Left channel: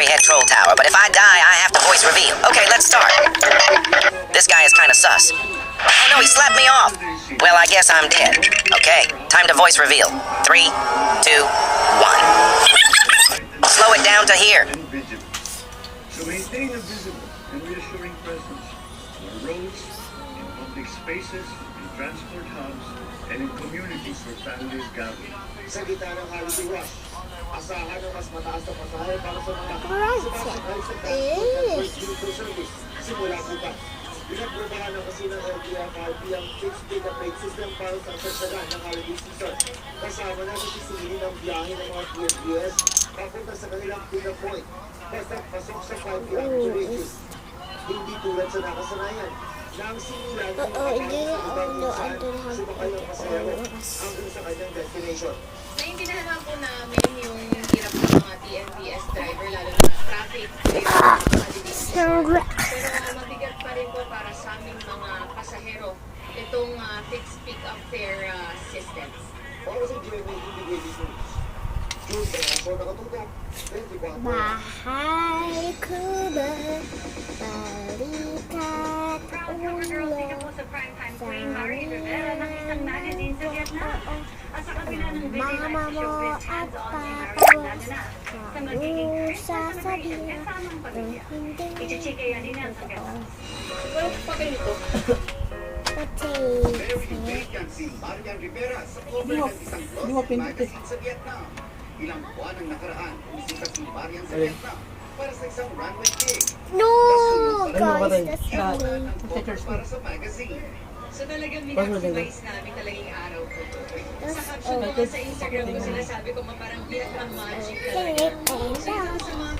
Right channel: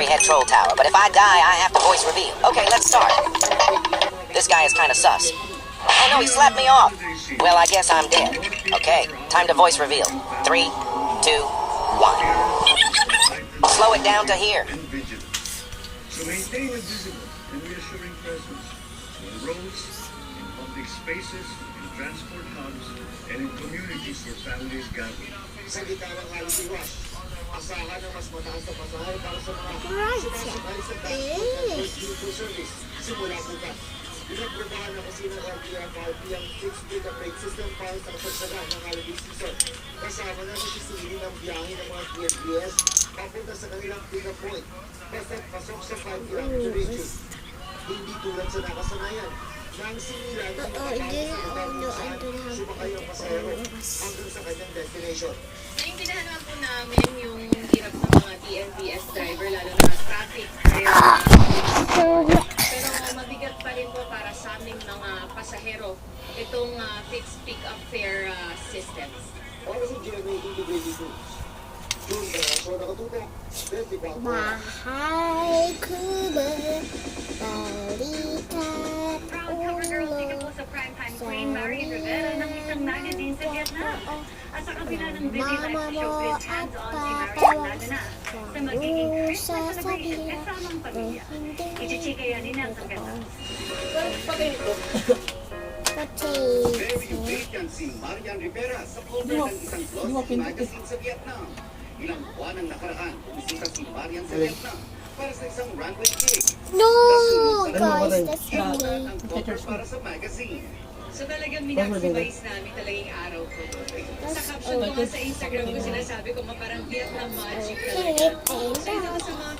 Fairy Head Troll Tower, but if I die, I have to voice reveal. Okay, let's start. This guy is kind of sus. Oh no, he slapped me off. Well, I guess I'm dead. Okay, time to voice reveal. 3, 2, 1. Slow it down to here. So maintain a visible and reassuring presence on roads, in public spaces, in transport hubs, and in communities where families gather. Sa gitna ng holiday rush, asahan ang mas mataas na pasahe para sa mga sumasakay sa transport service simula bukas. Pinagpradahan na kasi ng LTFRB ang fixed data plate system para sa sagsagan ng holiday season. Kasama na sisingin ang biyahe ng mga TNBS papunta sa kanilang pick-up point. Basta pasok sa 5 kilometer radius. Hindi tulad sa nakasanayan. Nang sinilan ng mga sumakay ang pasahero hanggang sa kanyang destination. Naintindihan naman po namin yung hirap ng mga TNBS driver, lalo na traffic. Pero mabigat pa rin po para sa aming mga pasahero itong fixed pick-up fare systems. Para sa GMA Integrated News, June 24 nakatutok, 24. Bahay ko na balikat ulo sa primetime queen Marie Rivera ng isang magazine sa Vietnam. At sa kabila ng busy life showbiz, hands-on si Marie lalo na sa magiging Christmas celebration kasamang pamilya. Ichichikaya din ang pagkatapos. Very vacant si Marian Rivera sa cover ng isang glossy magazine sa Vietnam. Ilang buwan ang nakaraan, bumisita si Marian sa Vietnam para sa isang runway gig. No, guys, that's Inulan me. ang cover para sa magazine. So talagang minaksimais namin talagang araw ko. Sa caption ko nga sa Instagram ko sinasabi ko parang Vietnam magic talaga. So ito sa mga